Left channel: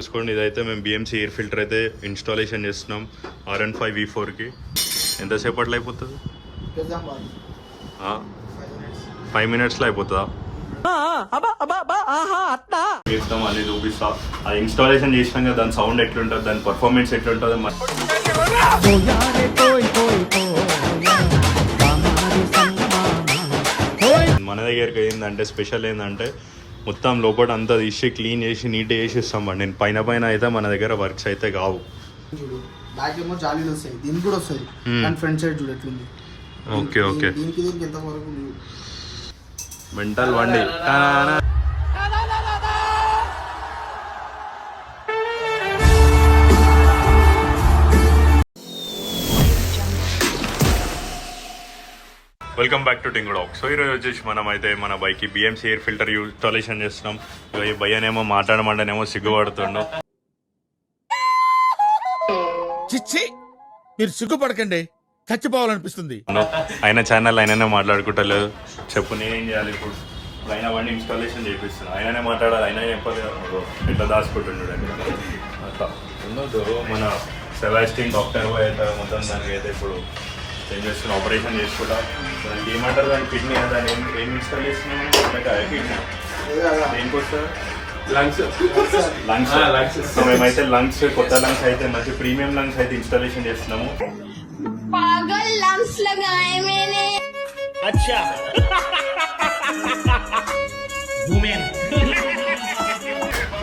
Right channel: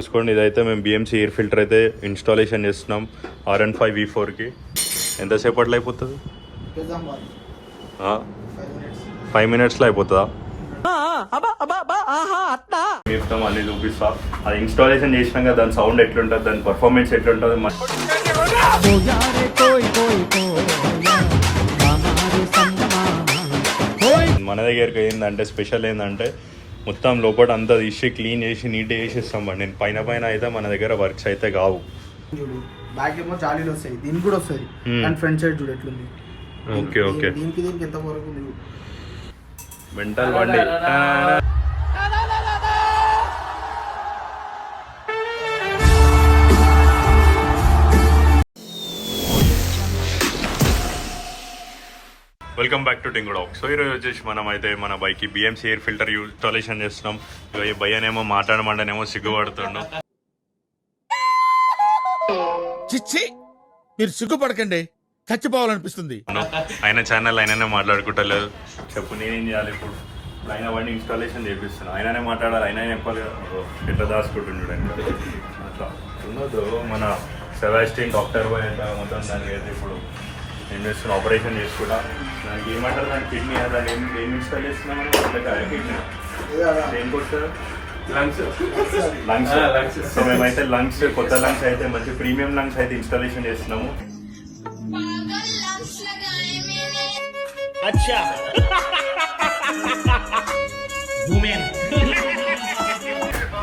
చూసుకోండి, ఇదైతే మేము బిఎంసీ ఎయిర్ ఫిల్టర్ అయితే ఇన్స్టాలేషన్ చేస్తున్నాం RN5 V4కి. ఎంతసేపట్లో అయిపోతుంది? 5 మినిట్స్లో అయిపోతుందా? చెప్తాం, అన్నీ చూపిస్తా. అది ఇన్స్టాలేషన్ చేసినాక దాని సౌండ్ ఎట్లుంటుంది, దాని పర్ఫార్మెన్స్ ఎట్లుంటుంది మన దగ్గరికి ఏంటంటే స్పెషల్ ఏంటంటే మొత్తం లోపల అంతా తీసి క్లీన్ చేసి నీట్గా చేసి ఇస్తాం. నేను పైన అయితే మన దగ్గర వర్క్స్ అయితే కావు. బ్యాక్ ఏమో జాలీలు వస్తాయి, దీనికి కూడా వస్తాయి. అండ్ ఫ్రంట్ సైడ్ చూడు ఎట్లుంది. ఓకే ఓకే, దీనికి ఎంత వరకు మెంటల్ వండి. వెల్కమ్ బ్యాక్ టు టింగుడాక్. సో ఈరోజు వచ్చేసి మనం అయితే మన బైక్కి బిఎంసీ ఎయిర్ ఫిల్టర్ ఇన్స్టాలేషన్ చేస్తున్నాం. ఈ భయ్యనేమో మాట్లాడమంటేనేమో సిగ్గుపడుతుండు. చిచ్చి, మీరు సిగ్గుపడకండి, చచ్చిపోవాలనిపిస్తుంది. ఆయన ఛానల్ ఆయననే మాట్లాడుకుంటలేదు. చెప్పు, నేనేం చేయాలి ఇప్పుడు? ఆయన బండి ఇన్స్టాలేషన్ చేపిస్తున్నాను, ఆయననే మాట్లాడాలి. ఆయన ఎట్లా దాచుకుంటుండడు అట్లా ఉండదు. మన సెబాస్టియన్ డాక్టర్ బాయ్ అయితే మొత్తం దానికి అయితే ఇప్పుడు ఏం చేస్తున్నా, ఆపరేషన్ చేసుకుంటా. దానికి ఏమంటారు, దాని కిడ్నీ దాన్ని ఏం ఇన్స్టాల్ చేస్తున్నాం? కిడ్నీ దేనికి వస్తుంది? లంగ్స్. సో మేమైతే లంగ్స్, కొత్త లంగ్స్ అయితే మంచి ప్రీమియం లంగ్స్ అయితే ఇన్స్టాలేషన్ చేస్తున్నాము.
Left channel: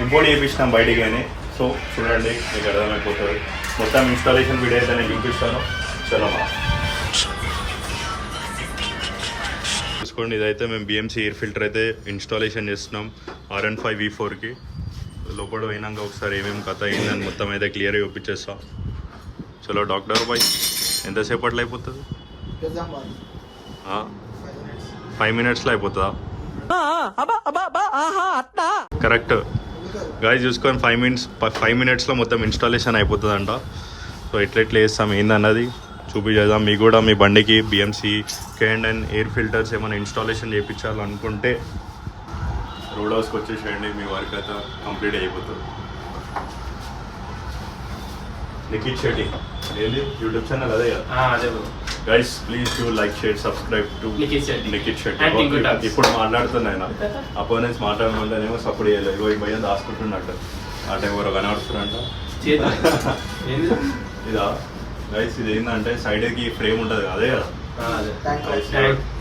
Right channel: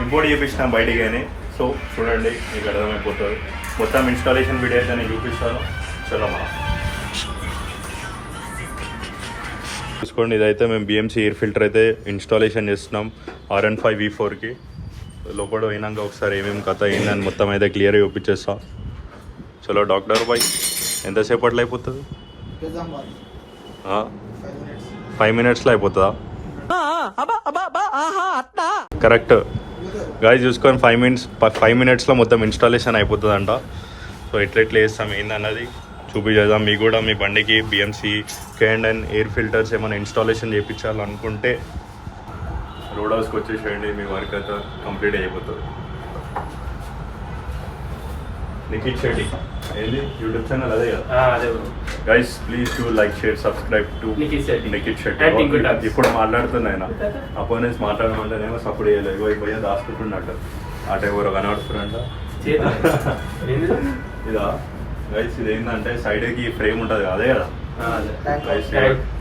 ఇంపోర్ట్ చేయించినాం బయటికి అని. సో చూడండి, మీకు అర్థమైపోతుంది. మొత్తం ఇన్స్టాలేషన్ వీడియో అయితే నేను చూపిస్తాను. చలో మనం చూసుకోండి, ఇదైతే మేము బిఎంసీ ఎయిర్ ఫిల్టర్ అయితే ఇన్స్టాలేషన్ చేస్తున్నాం RN5 V4కి. లోపల పోయినాక ఒకసారి ఏమేమి కథ అయిందని మొత్తం అయితే క్లియర్గా చూపించేస్తా. చలో డాక్టర్ బాయ్, ఎంతసేపట్లో అయిపోతుంది? 5 మినిట్స్లో అయిపోతుందా? కరెక్ట్ గాయస్, చూసుకొని 5 మినిట్స్లో మొత్తం ఇన్స్టాలేషన్ అయిపోతుందంట. సో ఎట్లా చేస్తాం ఏందన్నది చూపించేద్దాం. మీకు కూడా మీ బండికి బిఎంసీ K&N ఎయిర్ ఫిల్టర్స్ ఏమైనా ఇన్స్టాలేషన్ చేయించాలనుకుంటే రోడ్ హౌస్కి వచ్చేసేయండి, మీ వర్క్ అయితే కంప్లీట్ అయిపోతుంది. నిఖిత్ శెట్టి ఏది యూట్యూబ్ ఛానల్ అదే కదా guys, please do like, share, subscribe to Nikhit Shetty. ఇప్పుడు మాట్లాడుతున్నా ఆయన అపోనెంట్స్ మాట్లాడమంటేనేమో సపోర్ట్ చేయలేదు. ఇగో ఈ భయం దాచుకుంటున్నట్టు ఆ టైం ఎవరో కనబడుతున్నారంట. ఇదా గైస్, ఇది ఏంటంటే సైడ్కి ఫ్రేమ్ ఉంటుంది కదా, అదే కదా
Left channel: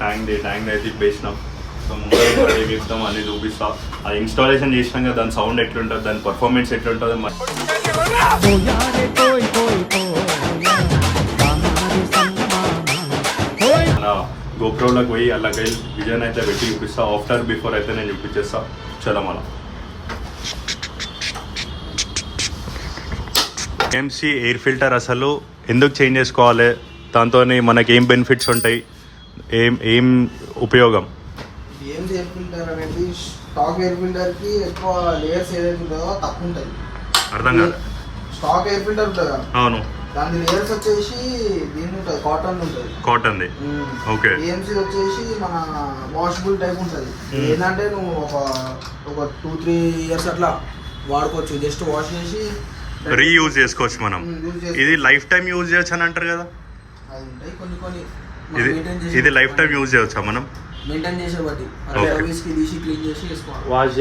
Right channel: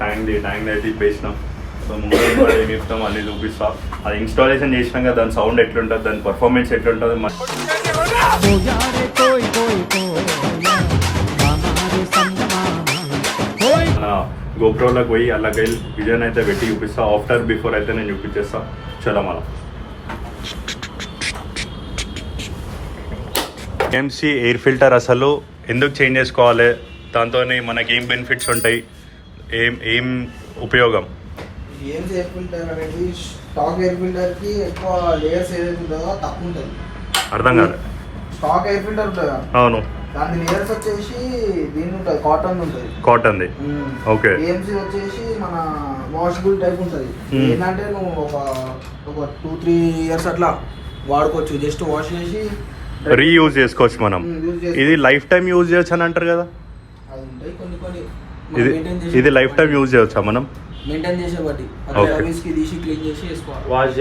ట్యాంక్ అయితే ఇప్పేసినాం. సో ముందు చెప్తాం, అన్నీ చూపిస్తాం. అది ఇన్స్టాలేషన్ చేసినాక దాని సౌండ్ ఎట్లుంటుంది, దాని పర్ఫార్మెన్స్ ఎట్లుంటుంది గోప్రోలోకి పోయి అలాగే విజన్ అయితే పెట్టి చూపిస్తా. ఆఫ్టర్ బిఫోర్ అయితే నేను చూపించేస్తా. చలో మనం బిఎంసీ ఎయిర్ ఫిల్టర్ అసలు ఎందుకు చేంజ్ చేసుకోవాలి, దాంతో మనకి ఏం బెనిఫిట్స్ ఉంటాయి, ఏం ఉపయోగం? బిఎంసీ ఎయిర్ ఫిల్టర్ అనేది స్టాక్ ఎయిర్ ఫిల్టర్కి ఎక్కువ లేయర్స్ ఏదైతే ఉంటుందో తక్కువ ఉంటుంది. అర్థం కాదు. స్టాక్ ఎయిర్ ఫిల్టర్ ఉంటుంది కదా, అవును, దాని లేయర్స్ వచ్చేసి దీని ఉంటుంది, కాటన్ ఉంటుంది. కాటన్ది. ఓకే. బిఎంసీ వచ్చేసి మన వాషబుల్ టైప్ ఉంటుంది. ఏంటంటే నువ్వు ఒక 2-3 ఇయర్స్ అట్లా వాడుకోవచ్చు. జస్ట్ వాష్ చేసి రీయూజ్ చేసుకోవచ్చు మనం. ఇది లైఫ్ టైం యూజ్ చేయొచ్చు అని అంటారు కదా, ఇది లైఫ్ టైం యూజ్ చేయొచ్చా మనం? మెయింటైన్ చేసే బట్టి సర్వీస్కి తీసి క్లీన్ చేసి వేసుకోవాలి, వాష్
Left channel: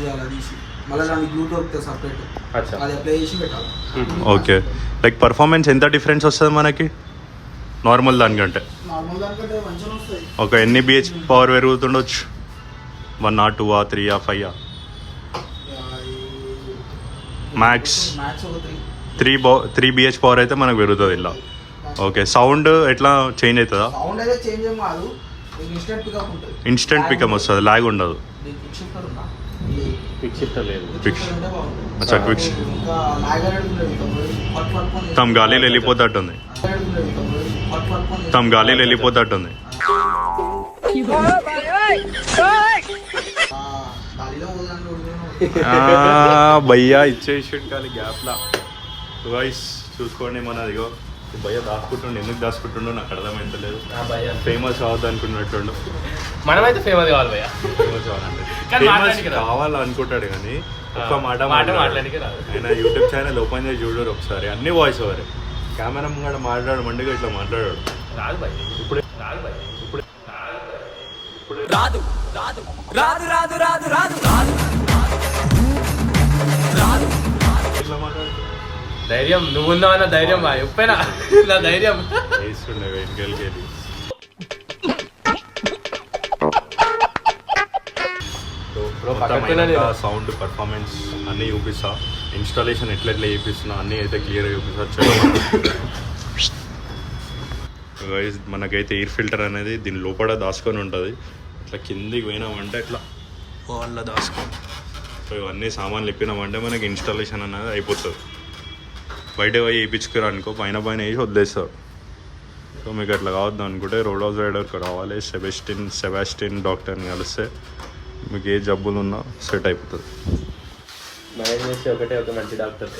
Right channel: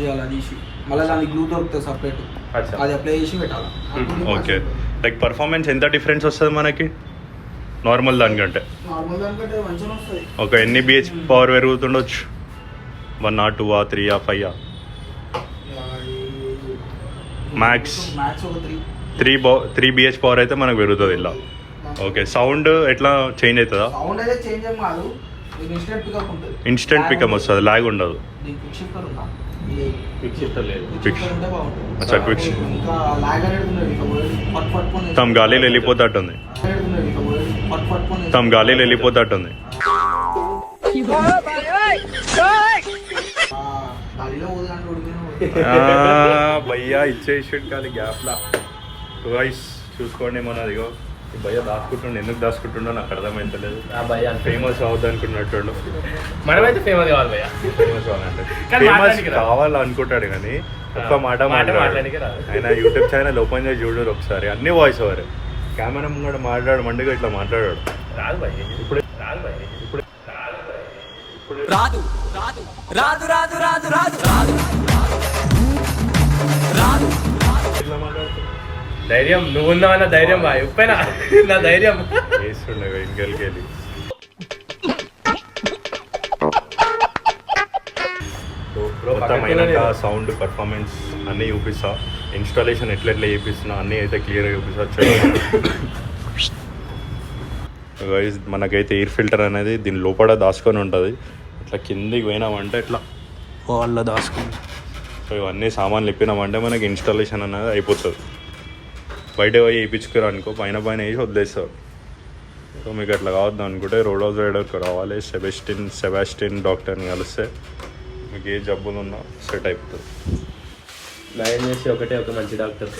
చేయాలి తీసి. మళ్ళీ దానికి గ్లూ దొరుకుతుంది సపరేట్, అది అప్లై చేసి పెట్టాలి. ఓకే. లైక్ పర్ఫార్మెన్స్ ఎంత డిఫరెన్స్ వస్తుంది మనకి నార్మల్ దానికంటే? మంచిగా వస్తుంది. ఒక ఎన్ని BH పవర్ పెరుగుతుండొచ్చు? 1 or 2 or 3 or 5 max 3 BH power అయితే మనకు పెరుగుతుంది ఇలా. ఓకే. సౌండ్ ఎట్లా చేంజ్ అవుతుందా? సౌండ్ అయితే చేంజ్ ఏం కాదు, ఇన్స్టెంట్ పికప్ వస్తుంది, లాగ్ ఉండదు. తమ గాలిలో వెళ్ళిపోతట్టుంది. భయ్యా ఇచ్చేసి కానీ గ్యాప్లా వాయిస్ చూసుకోండి. మనదిగో భయ్య దాచుకుంటుండే, ఎందుకు దాచుకుంటుండో నాకు అర్థమైతలేదు. భయ్య ఫేమస్ అవ్వద్దు అనుకున్నట్టు మనమైతే ఫేమస్ కావాలి భయ్య. ఫేమస్ అవ్వాలంటే కానీ ఫేమస్ మాట్లాడడానికి రాదు. కావాలనుకుంటాడు కానీ ఒక్క మాట మాట్లాడడానికి మాట్లాడాడు. రాదు. ఆయన యూట్యూబ్ ఛానల్ ఓపెన్ చేసి చూడరు ఒకసారి, అన్ని వాయిస్ ఓవర్. కెమెరా ముంగడ మాట్లాడు మండిగా ఇట్లా మాట్లాడాడు. రాదు భయ్య ఇప్పుడు రాదు భయ్య ఇప్పుడు రాదు రాదు రాదు రాదు రాదు రాదు రాదు రాదు ఇట్లా మాట్లాడుతున్నాడు. ధైర్యం నువ్వు ఉన్నావన్న ధైర్యం బాయ్ ఉప్పేనా నా ధైర్యం. వేస్తుండే ఇంకెళ్ళి వెళ్ళి. మొత్తం అయినాక సౌండ్ పర్ఫార్మెన్స్ అన్నీ చూపిస్తా, ఇన్స్టాలేషన్ ఎట్లా చేపిస్తున్నా అన్నీ అయితే క్లియర్గా చూపిస్తా. గైస్ మనకైతే ఎయిర్ ఫిల్టర్ అనేది దీని లోపల దాచుకొని ఉంటుంది. ఇట్లా కిందికి పోయినామంటే ఇట్లా వాళ్ళ దాచుకొని, సో ఇవన్నీ సామాన్లు ఇప్పినామంటే మనకి ఇన్స్టాలేషన్ అనేది అయిపోతుంది. బయట పోయి వేయించుకురా అనుకో, పైన పైన వేసి వదిలేస్తారు. సో మీకు అట్లా కావద్దు అనుకుంటే రోడ్ హౌస్ రైడర్కి రావాలి, సెబాస్టిన్ డాక్టర్ని కలిస్తే మీకు ఏ జబ్బులు ఉన్నా సెట్ అయిపోతుంది. ఒకటే ఒక మంచి డాక్టర్.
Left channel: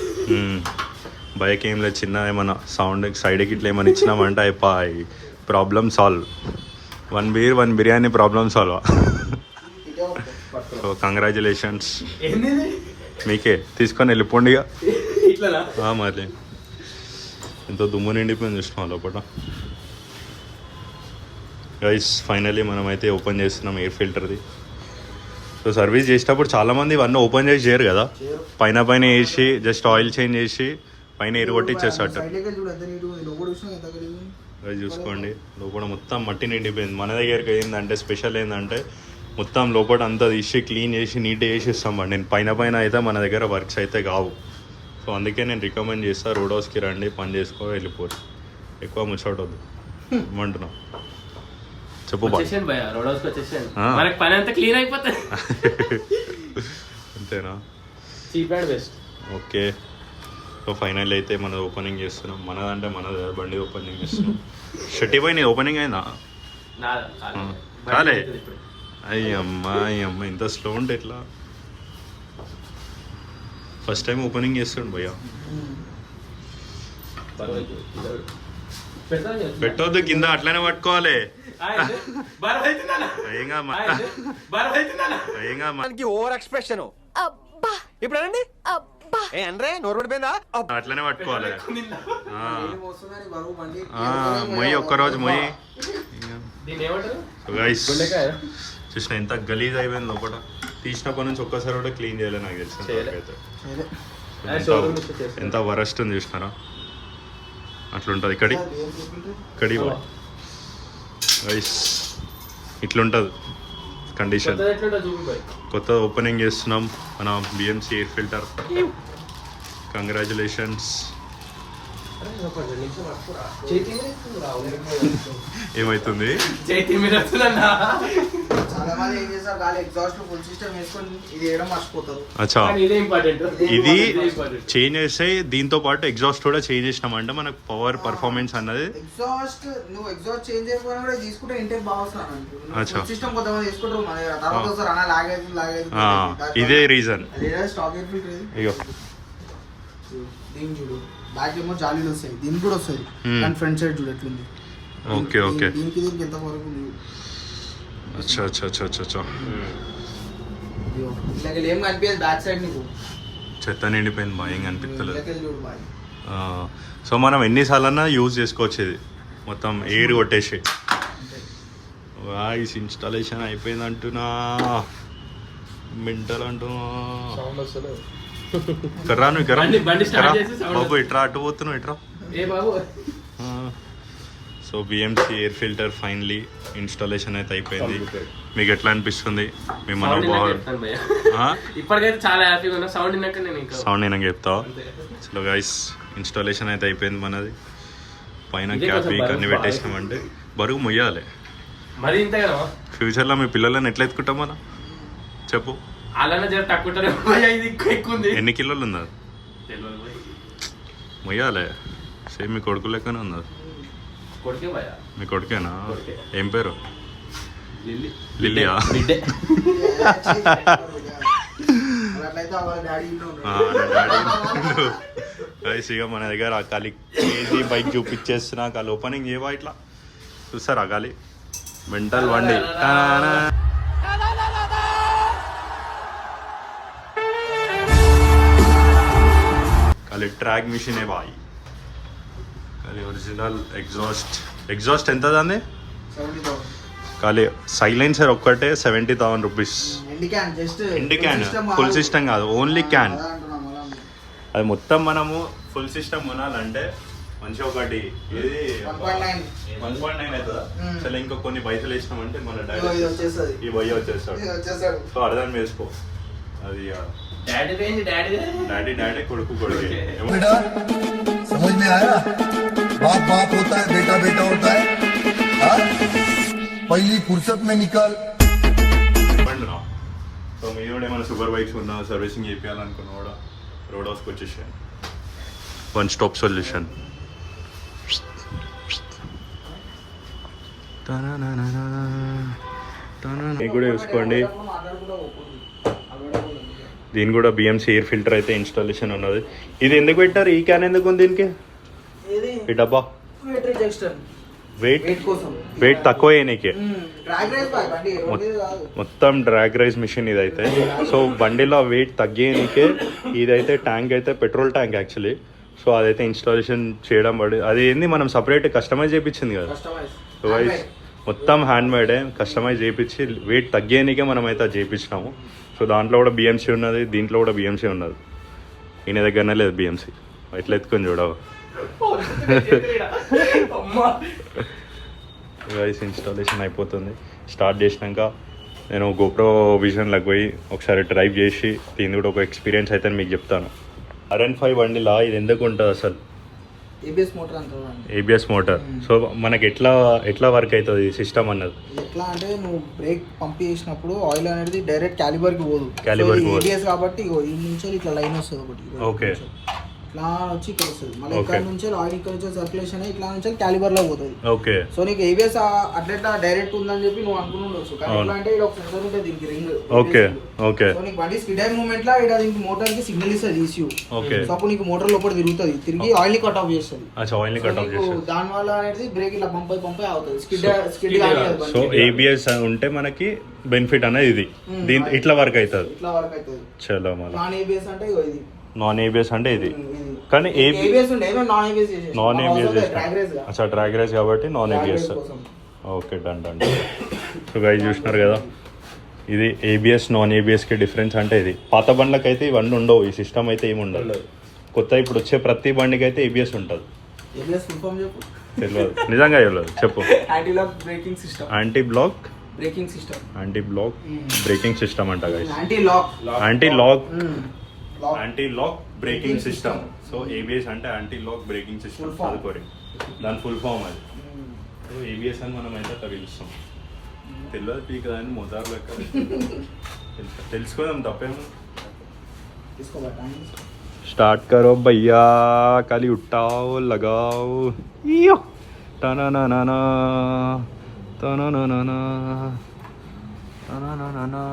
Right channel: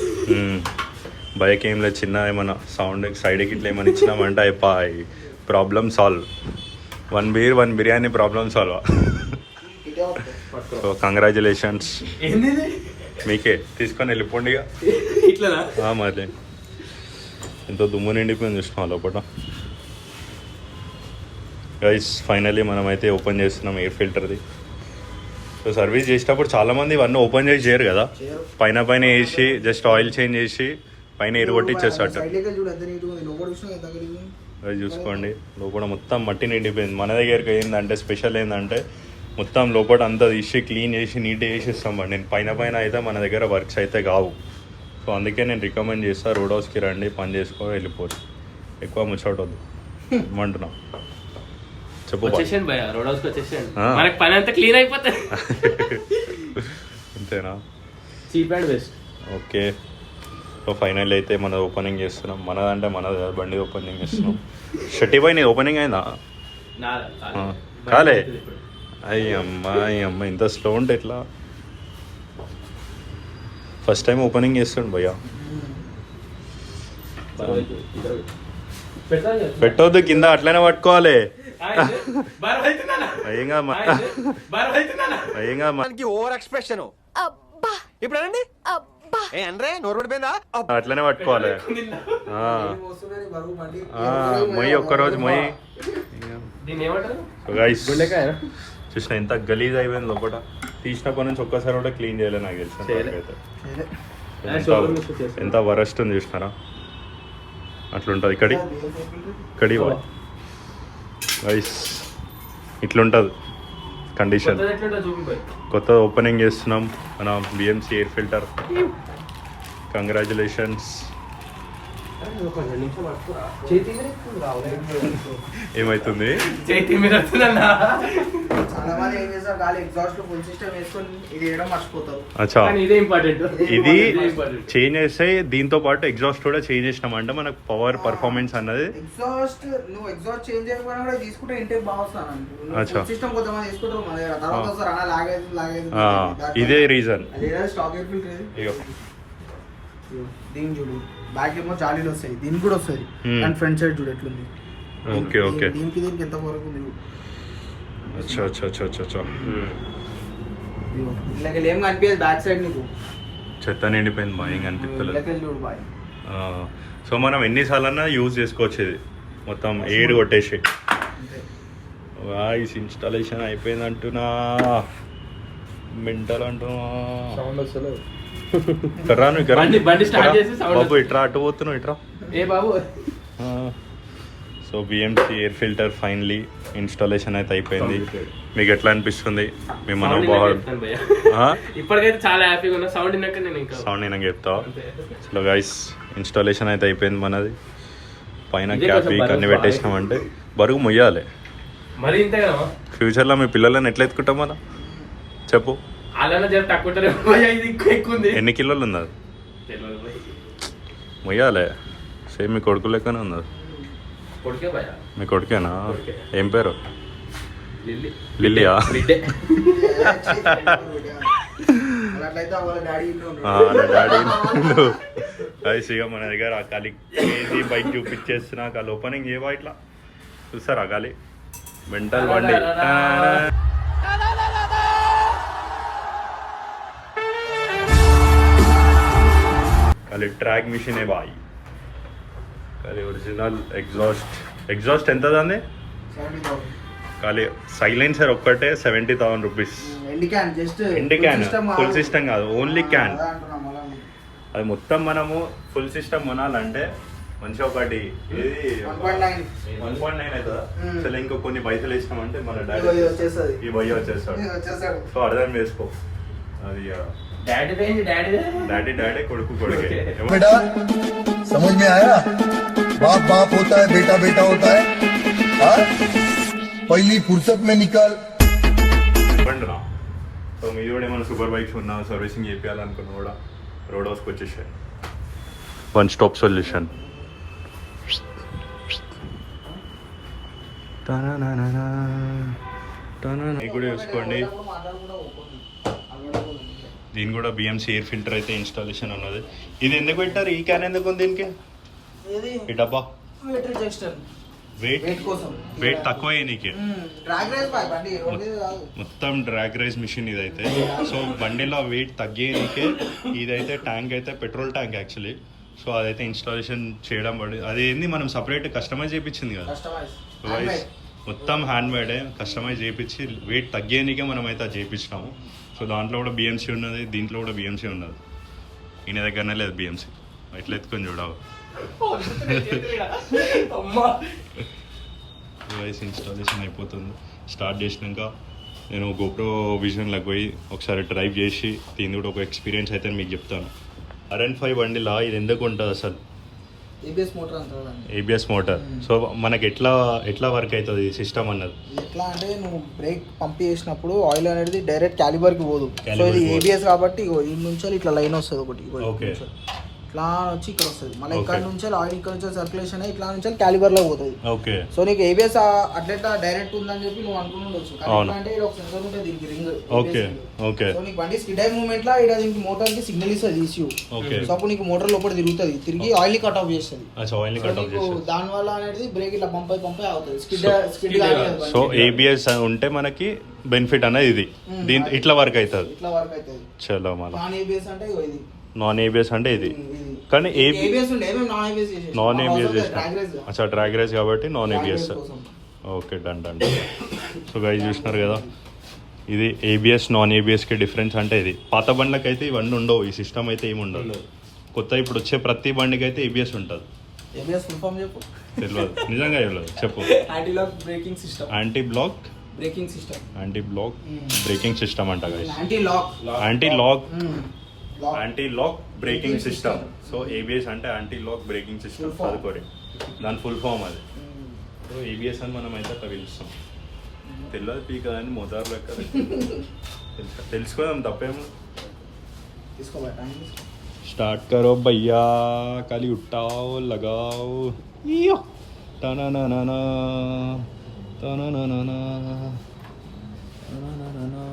బైక్ ఏం లేదు, చిన్న ఏమన్నా సౌండ్ సైడ్కి ఇట్లా ఏమైనా ఇచ్చినామంటే అయిపోయి problem solve. 1 beer 1 biryani problem solve. So congratulations మీకే, తీసుకొని వెళ్ళిపోండి ఇక. ఇట్లా మరి ఎంతో దుమ్ము నిండిపోయింది చూసినా లోపల. గైస్ ఫైనల్లీ మనమైతే ఓపెన్ చేస్తున్నాం ఎయిర్ ఫిల్టర్ది. సో సర్వీస్ చేసేటప్పుడు చాలామంది ఇవన్నీ ఓపెన్ చేసి చేయరు కదా, పైన పైన వేసి జస్ట్ ఆయిల్ చేంజ్ చేసి పైన ఎయిర్ కొట్టిచ్చేస్తాడు. అది చూసుకోండి లోపల మొత్తం మట్టి నిండిపోయింది. మన దగ్గరికి ఏంటంటే స్పెషల్ ఏంటంటే మొత్తం లోపల అంతా తీసి క్లీన్ చేసి నీట్గా చేసి ఇస్తాం. నేను పైన పైన అయితే మన దగ్గర వర్క్స్ అయితే కావు. సో అందుకే నేను రికమెండ్ చేస్తాను, రోడ్ హౌస్కి రండి, పని చేసుకో వెళ్ళిపోరు, ఎక్కువ ముచ్చటొద్దు ఏమంటున్నా చెప్పు. వచ్చేసాను భయ్య రోడ్ హౌస్కి వచ్చేసాను, మనకి పని అంతా క్లీన్ అయిపోతుంది. అంతేనా? Cheap and best. Okay so final అయితే మన ఓపెనింగ్ చేస్తున్నాం. మనదంటే మనది కాదు, బండి ఓపెనింగ్ చేస్తున్నాం. షర్టీ పై నీ ఓపెనింగ్ అయిందా? కాలే? అయ్యమ్మ ఇంత స్లో ఉంటే ఎట్లా? ఫస్ట్ టైం ఓపెనింగ్ చేస్తాడు భయ్యా. పెట్టవద్దు కింద, అట్లనే పట్టుకోవాలి. ఓవర్ ఎక్స్ప్రెషన్ ఇప్పుడు అనండి ఏ అంటే నోరు పడిపోయిందా అట్లనే పట్టుకోవాలి. మొయ్యి ఒక్కరోజు మొయ్యి. గైస్ చూసిన ఎంత గలీజ్ అయిపోయింది లోపల, తీసినప్పటి నుంచి ఒక్కసారి కూడా క్లీన్ చేయలేదు నాకు తెలిసిన వరకైతే. ఎంత వరస్ట్ ఉంది చూసినారా, అట్లుంటుంది. ఇక్కడి గైస్ ఇట్లుంటుంది కండిషన్. కొత్త ఓపెనింగ్ చేస్తున్నాం మన బిఎంసి ఎయిర్ ఫిల్టర్. కంగ్రాచులేషన్స్. ఏమైతుంది? అచ్చా, ఇది చేంజ్ చేస్తే దీంతో పాటు ఎగ్జాస్ట్ కూడా చేంజ్ చేసినామంటే మనకు పవర్ పర్ఫార్మెన్స్ అన్నది. ఇదే రీజన్. దీని చూడు, బ్యాక్ ఏమో జాలీలు వస్తాయి, దీనికి కూడా వస్తుంది, కానీ ఫ్రంట్ సైడ్ చూడు ఎట్లుంది. ఓకే ఓకే, దీనికి ఎంత వరకు ఉంది. అచ్చా అచ్చా అచ్చా అచ్చా, ఇట్లా ఏం కనిపించదు బ్యాక్ సైడ్ నీకు, చెత్త నిండిపోయింది బాగా, ఏం కనిపిస్తలేదు. సో మనం ఎన్నిసార్లన్నా యూజ్ చేసుకోవచ్చు ఇది, మొత్తం ఎయిర్ కొట్టేసి. వాయిస్ ఇన్స్టాలేషన్ అయిపోయింది అంటున్నా, మెంటల్ అంటున్నా. రాను బాబు, ఇట్రా, అటు పోతున్నావు, ఇట్రా. So BMC air filter finally installation అయితే అయిపోయింది. మీకు ఎట్లా అనిపిస్తుంది మీ మనోభావాలు? ఇప్పటికైతే చాలా హ్యాపీగా ఉన్నా. సౌండ్ వినాక చెప్తావా? చలో గైస్, ఇన్స్టాలేషన్ అయితే అయిపోయింది మనది. పైన క్యాప్ అన్ని పెట్టేసినామంటే బరువు మొయ్యాలి. ఫ్యూచర్లో మీ పిల్లలని ఎట్లా ఎత్తుకుంటాం మనం చెప్పు? ఎన్ని కిలోలు ఉన్నది మొయ్యాలి? సేమ్ మీ కొడుకు లెక్కనే ఉన్నది. మీ కొడుకేనా? ఏం పేరు? లిల్లియా? డాడీ గైస్ ఇక మన దగ్గర ఖాళీ కేజీ బైక్ చూపించేస్తున్నా ఖాళీ ఓపెనింగ్ ఏవా ఇట్లా చూస్తారా ఖాళీ మెంటల్ బండి ఖాళీ ట్రాక్ మిషన్ ఏ బాయ్ ఖాళీ ఒరిజినల్ ఎగ్జాస్ట్ ఎంత దాన్ని 70,000 ఖాళీ సైలెన్సర్ ఒక్కటే 70,000 rupees MD can just MD can full system కాదు ఓన్లీ క్యాన్ అది మొత్తం మనము ఫుల్ సిస్టమ్ కొనాలంటే మంచిగా ఒకటి ఏది 1.9 అవుతుందా అసలు ఇంకా కొన్ని పైసలు వేసినామంటే మన డాడీ ఈ భయ్య వచ్చేస్తాడు సో అర్థం చేసుకో అది డాడీ కొడుకు కొడుకే बेटा समझ में आया बाप बाप होता है बेटा बेटा होता है हाँ? पहली फुर्सत में निकल బండిరా సో మీరు కూడా ఏమైనా సూపర్ బైక్స్ ఉన్నా సర్వీసింగ్ చేయాలనుకున్నా కూడా రోడ్ హౌస్కి వచ్చేసాయి వన్ స్టాప్ సొల్యూషన్ కూడా చూసుకోండి దీని కూడా బిఎంసి ఎయిర్ ఫిల్టర్ అయితే ఇన్స్టాలేషన్ ఉన్నది ఇది ఎందుకు పెట్టారు ఈ క్యాన్ ఎందుకు ఉంది దీనికి ఈ డబ్బా వెయిట్ తక్కువ అయ్యానికి మొత్తం డ్రాగ్ రైస్ మిషన్ ఇదైతే సో బండిలో వెయిట్ తగ్గేయనికే ఇదైతే ట్యాంక్ అయితే పెట్రోల్ ట్యాంక్ యాక్చువల్లీ సో అదైతే ఇన్స్టాలేషన్ చేయడం పడి అది ఏంది మనం సపరేట్ కస్టమైజ్ చేయించింది కదా సో వైస్ మొత్తం హ్యాండ్ మేడే కస్టమైజ్ చేయించి వెయిట్ తగ్గేయనికే మనం అయితే అది చేయించినాము సో దాంట్లో కూడా బిఎంసీ ఉన్నది దీంట్లో కూడా బిఎంసీ ఉన్నది ఈయన దగ్గరనే లేదు బిఎంసీ ఎట్లా ఎత్తుకొని చూడవు వైస్ ఇన్స్టాలేషన్ అయిపోతుంది స్టార్ట్ చేసినాక నేను గోప్రో విజన్లోకి పోయి ఒకసారి డ్రైవ్ చేసి దీని కూడా ఒక ఎక్స్పీరియన్స్ అయితే మీకు చెప్తాను RN5 బండిలా ఇది ఎందుకు ఉంటుంది అసలు ఏబిఎస్ మోటార్ సో మనకి ఎట్లా వర్క్ అవుతుంది సిస్టమ్ అన్నది ఎట్లా అంటే నువ్వు బ్రేక్ పంప్ చేసినప్పుడు ఆయిల్ అనేది డైరెక్ట్ క్యాలిబర్కి పోదు ఏబిఎస్ కాబట్టి ఈ నుంచి ఇట్లా లైన్ వస్తుంది ఒకటి ఓకే ఇట్లా వచ్చి ఇక్కడ వస్తుంది మన ఇక్కడ నుంచి ఆయిల్ ఇక్కడ వచ్చే సర్క్యులేషన్ ఇట్లా నుంచి క్యాలిబర్ లో పోతుంది ఓకే సో నీకు ఏబిఎస్ అట్లా డైరెక్ట్ ఉందని చెప్పి నువ్వు అనుకుంటుండొచ్చు కానీ ఎట్లా అంటే ఇక్కడ ఒక సెన్సర్ ఉంటుంది దీనికి రింగ్ ఓకే ఓకే సో నీకు బండి స్కిడ్ అయ్యే మూమెంట్ లో ఇక్కడ దీనికి మోటార్ కి సిగ్నల్ ఇస్తుంది ECU ఓకే సో అప్పుడు నీకు మోటార్ లోపల తిరుగుతుంది తిరిగి ఆయిల్ ని కట్ ఆఫ్ చేస్తుంది ఆయిల్ ని కట్ ఆఫ్ చేస్తుంది దాని వల్ల అనేది బ్రేక్ ఇట్లా పంప్ అయి అవుతుంది స్కిడ్ సో ఏబిఎస్ ఉంటే మనకి బెనిఫిట్ అనేది ఇది దీని ఇట్లా వర్క్ అవుతుంది ఇట్లా వర్క్ అవుతుంది చలో మళ్ళీ నాన్ ఏబిఎస్ అంటే ఇగో ఇది నాన్ ఏబిఎస్ అంటే ఇది కానీ ఏబిఎస్ ఉండే నాన్ ఏబిఎస్ నాన్ ఏబిఎస్ అచ్చా డ్రాగ్ రేస్ కాబట్టి non ABS okay done so guys చూసినారు కదా ఇది ఏబిఎస్ నాన్ ఏబిఎస్కి డిఫరెన్స్ అంటే ఇది పాత బండ్లకి అయితే ఇవన్నీ ఉండవు ఈ సిస్టమ్ అయితే ఏమి ఉండదు కొత్త ఇప్పుడు వచ్చే ప్రతి బండికి అయితే ఏబిఎస్ ఉంటుంది ఏబిఎస్ ఫుల్ ఫామ్ చెప్పు తెలియదు నిజంగా తెలియదు చెప్పు anti lock braking system anti block braking system anti block braking system అంట guys anti lock anti lock braking system so ABS అంటే యాంటీ లాక్ బ్రేకింగ్ సిస్టమ్ చదువుకోరి దాని ఫుల్ ఫామ్ అది సో ఏబిఎస్ అని మనం అయితే అట్లా పిలుస్తాం తెలియదు పీక్ అని మోతారు లెక్క తెలుసుకోదాం తప్పేం స్టార్ట్ కరో భయ్యా ఖాళీ ఉట్టాओ लगाओ यो तना ना ना ना तना ना ना ना तना ना ना ना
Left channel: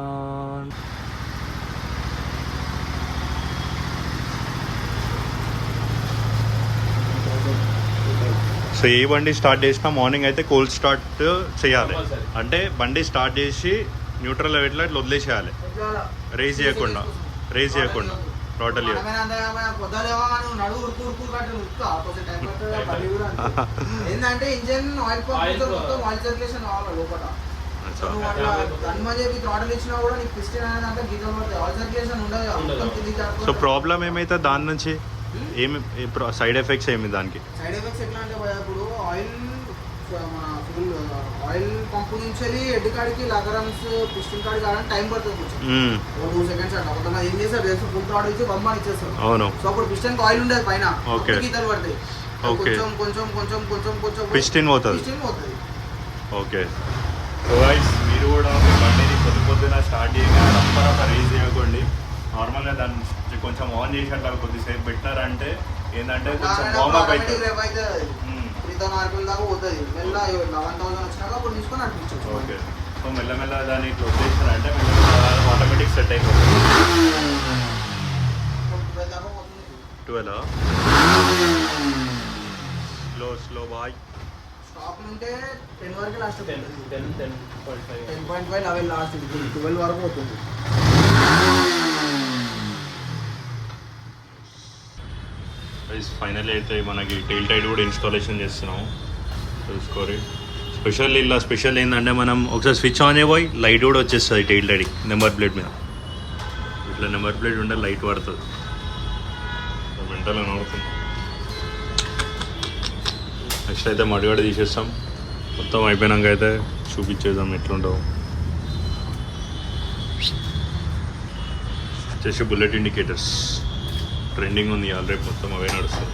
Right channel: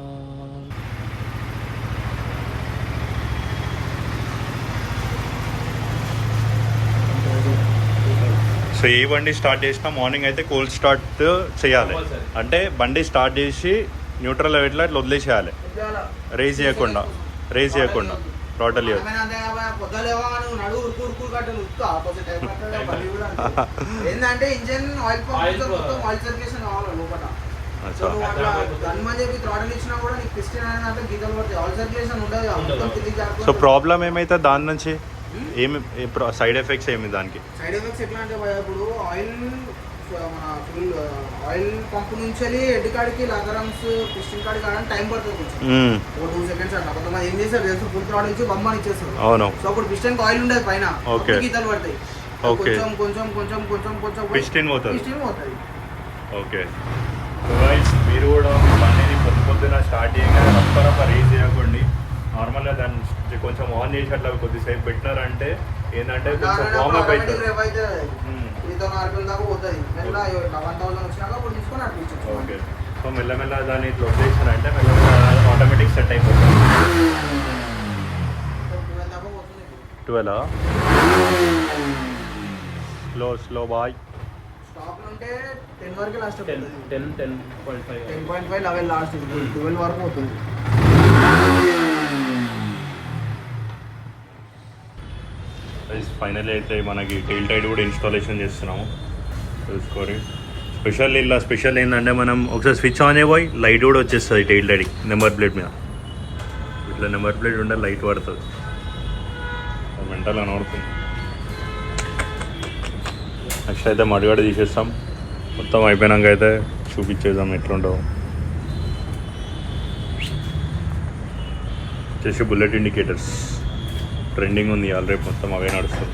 సో ఏ బండి స్టార్ట్ చేసినా మార్నింగ్ అయితే కోల్డ్ స్టార్ట్ చేయాలి అంటే బండి స్టార్ట్ చేసి న్యూట్రల్ ఇట్లా వదిలేసేయాలి రేజ్ చేయకుండా టోటల్ ఏంటంటే engine oil pump oil circulation కావాలి లోపల సో ప్రాబ్లం ఏమైతే దాని నుంచి ఏమి సైడ్ ఎఫెక్ట్స్ ఏమి దానికి సైడ్ ఎఫెక్ట్స్ ఎట్లా అంటే ఇప్పుడు ఆయిల్ పంపు నుంచి హెడ్ కాడికి లగరమ్స్ పిస్టన్ కాడికి కావడానికి టైం పడుతుంది 2 సెకండ్స్ అంట కొంతమంది ఏం చేస్తారు తెలుసు ఫుల్ థ్రాడ్ ఇచ్చి బొమ్మని ఇచ్చేస్తారు అవును సో అప్పుడు పిస్టన్ ఆయిల్ ఉండదు పైన ఓకే గీతలు పడతాయి కొంచెం కొంచెం కొంచెం కొంచెం కొంచెం పిస్టన్ పోతుంది ఓకే సో గైస్ మీరు కూడా బండిని పొద్దున స్టార్ట్ చేయగా రప్ప రేస్ చేయకండి నార్మల్గా దాన్ని కొంచెం ఆన్ చేసి అట్లా కొద్దిసేపు పెట్టారంటే ఏంటంటే కొంచెం వార్మ్ అప్ అవుతుంది ఓకే సో మెల్లమెల్ల దాన్ని ఇట్లా వదిలేసారంటే మెల్లమెల్ల ఆటోమేటిక్ సెట్ అయిపోతుంది 12 స్లో బాయ్. స్టాక్ ఉంటే 10 వరకు లాస్ట్ అవుతుంది. 10.5 10.5 11 లాస్ట్, 12 వరకు అవుతుంది. ఫైనల్ అయితే మనకి టైల్ టైడ్ కూడా ఇన్స్టాలేషన్ చేస్తున్నాము చూసుకోరి. స్పెషల్ ఏంటంటే మనం ఒకసారి స్విచ్ ఆన్ అయిపోయి లైట్ కూడా వచ్చేస్తుంది టైల్ టైడ్ నెంబర్ ప్లేట్ మీద. ఇట్లా నెంబర్ ప్లేట్ ఉంటే లైట్ పడుతుంది, మెంటల్ కనబడుతుంది. నెక్స్ట్ అయితే మడిగడ తీసేస్తాం, మొత్తం అయిపోయినాక అయితే చూపించేద్దాం ఎట్లుంటావు. వచ్చేసి బుల్లెట్ ఇండికేటర్స్ ట్రెండింగ్ ఉంది ఆల్రెడీ, మొత్తం అవే నడుస్తుంది.